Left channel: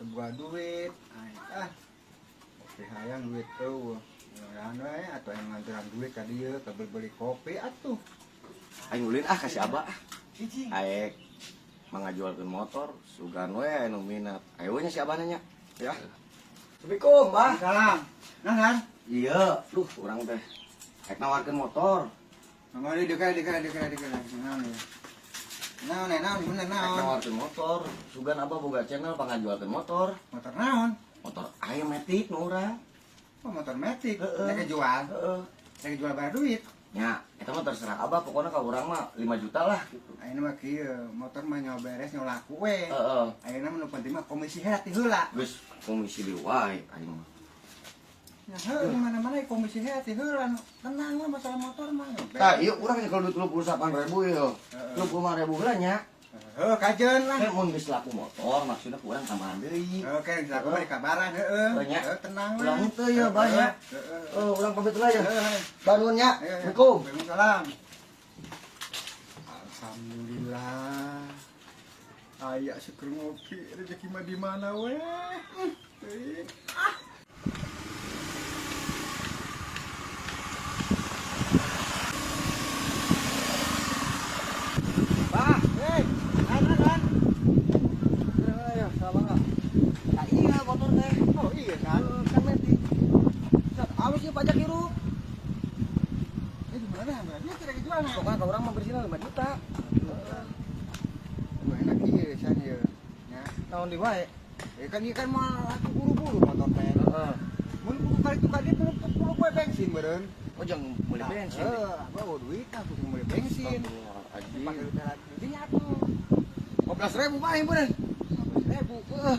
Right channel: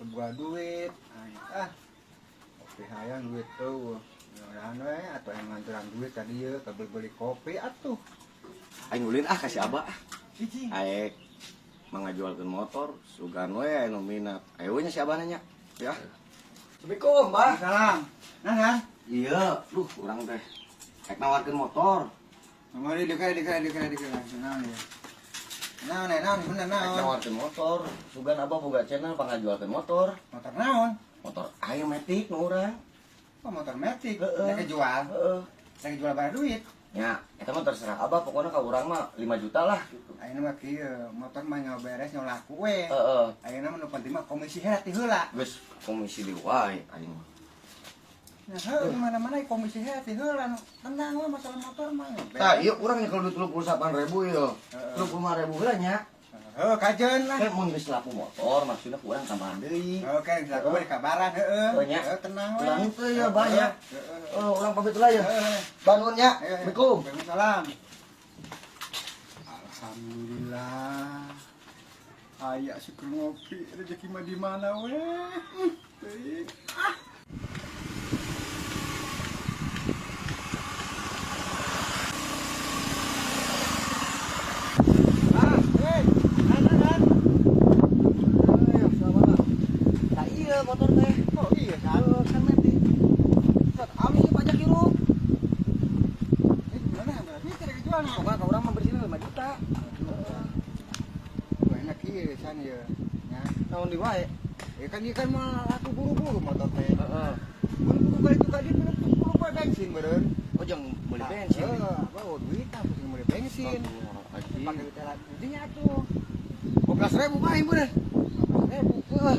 sebuah duit. Oke hayang duit tuh. Anu atau yang nganteran duit ka dieu ka beli kopi atuh. Aing ulin kasih abah. Aek mengajualkan motor, sugan we anu minat. Ayo nya si abah nanya. Ya. Assalamualaikum, Mbah. Salam. Nah kan? Iya, urang teh. Aek nawarkeun motor. Mari dekat. Nah ya. Nah, bener Aek naon? nawarkeun motor, sugan abah boga channel pangajualkeun motor. Motor naon? Motor aya metik nu urang. Oh, motor metik. Heeh. Nek jual. Heeh. Nek jual bayar duit. Ya, eta mah terserah abah, pokoknya ka urang mah 5 juta lah gitu. Ayeuna mah kieu, motor mah nyawa beres nyawa laku we. Heeh. Ayeuna mah nu penting mah komisi heula ti heula. Geus komisi di wae aing. Nah, heuh mana-mana komisi heula ti heula. Tenang lah masalah motor mah. Tah, ieu urang kalau duit 38.000 ieu. 35.000 heula nya. Heuh kajeun lah. Teh mun geus laku motor maksudna kurang tambahan deui. Oke, dilaku mah dikabaran heuh. Heuh, nya. Tenang we. Urang teh ya banyak. Heeh. Urang pamit heula ya. Heeh. Bangun nya. Assalamualaikum. Waalaikumsalam. Alhamdulillah. Aya syukur ngopi, rezeki mah di mana we? Motor teh. Oh iya kan? Kan metik. Awas ge pajak hirup. Gimana berarti tidak kejual? Pokoknya ke urang mah bersihna 5 juta. Enak ieu san ieu. Ya. Tahun di wae. Kan ieu kan mah aku buru-buru motor teh. Heeh. Mun kudu kali itu kali perlu poe bensin beureun. Oh jang meuli bensin. Bawa duit aku kudu meuli bensin. Aji. Pakai duit lagi. Dinya atuh. 15.000 mah ieu bener. 15.000. Heeh.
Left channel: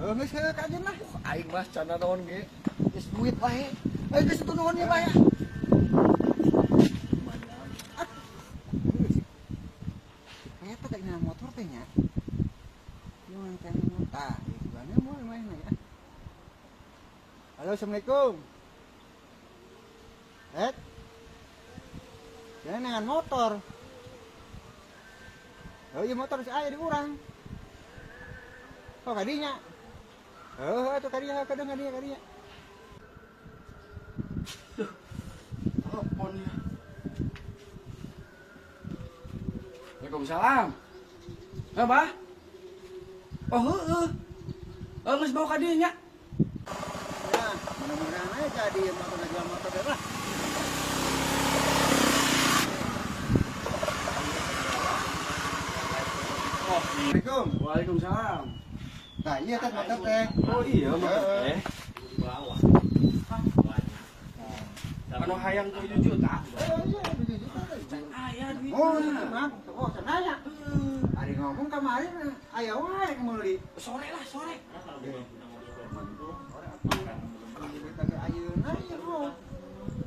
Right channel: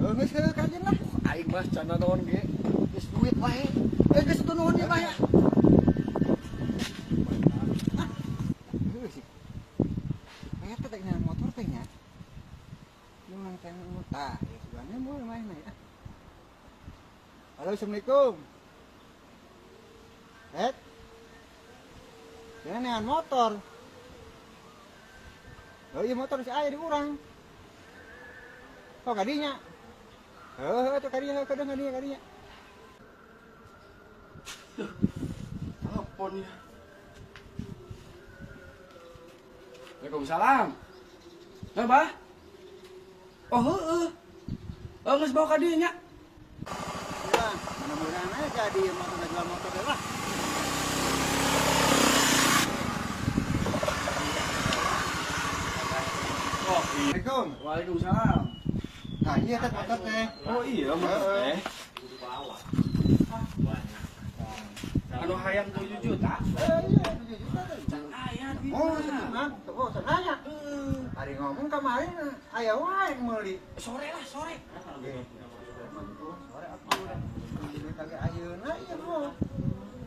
Geus kajeun lah. Aing mah cana naon ge. Geus duit wae. Geus itu nuhun ya mah ya. Eta teh motor teh nya. Yang teh muta, gimana mulai main ya. Halo, Assalamualaikum. Jangan dengan motor. Oh iya motor si aya di urang. Oh kadinya. Oh itu kadinya kadinya. Telepon ya. Waalaikumsalam. Bah? Oh heueuh. Geus bawa ka dieu nya. Ya, mudah-mudahan aja jadi motor jual motor deh lah. Oh, Assalamualaikum. Waalaikumsalam. Nah iya teh motor teh. Oh iya motor teh. Anu hayang 7 juta. Iya 7 juta teh. Aya duit. Oh, senang. Oh, senang. Hari ngomong kemarin aya wae meuli. Sore lah, sore. Kagak ayeuna ieu bro.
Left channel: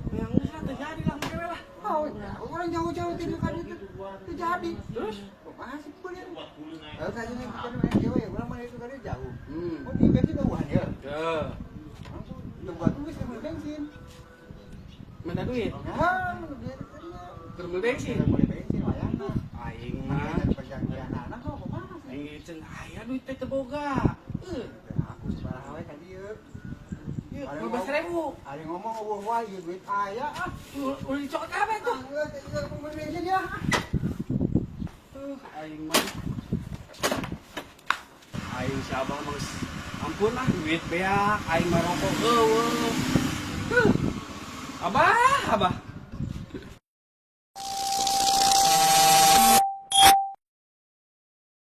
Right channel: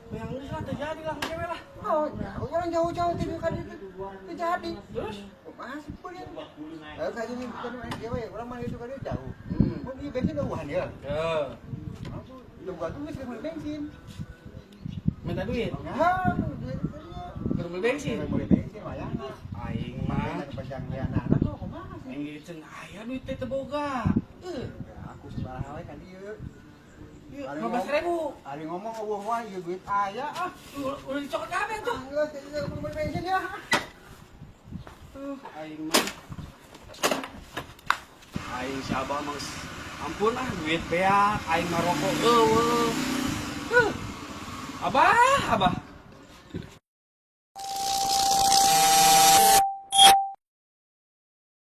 Yang usah terjadi lah, ngewe lah. Oh, orang jauh-jauh tidur kan itu terjadi. Terus? Masih punya. Kayak ini bukan main dewe, orang mana itu kan jauh. Hmm. Oh, di bensin udah ya. Ya. Langsung buat tuh bisa beli bensin. Minta duit. Nah, Keur beli bensin. beli bensin wayang. Aing mah. Perjanjian anak kok kumaha sih? Aing cen aya duit teh teu boga. Aku sebarang we kan dieu. Yuk, 15.000. Ari ngomong wah ieu duit aya ah. Udah dicokot kabeh tuh. Beli bensin ya. Aing mah. Aing si abang mah ampun lah duit beak, aing mah rokok eueuh. Abah.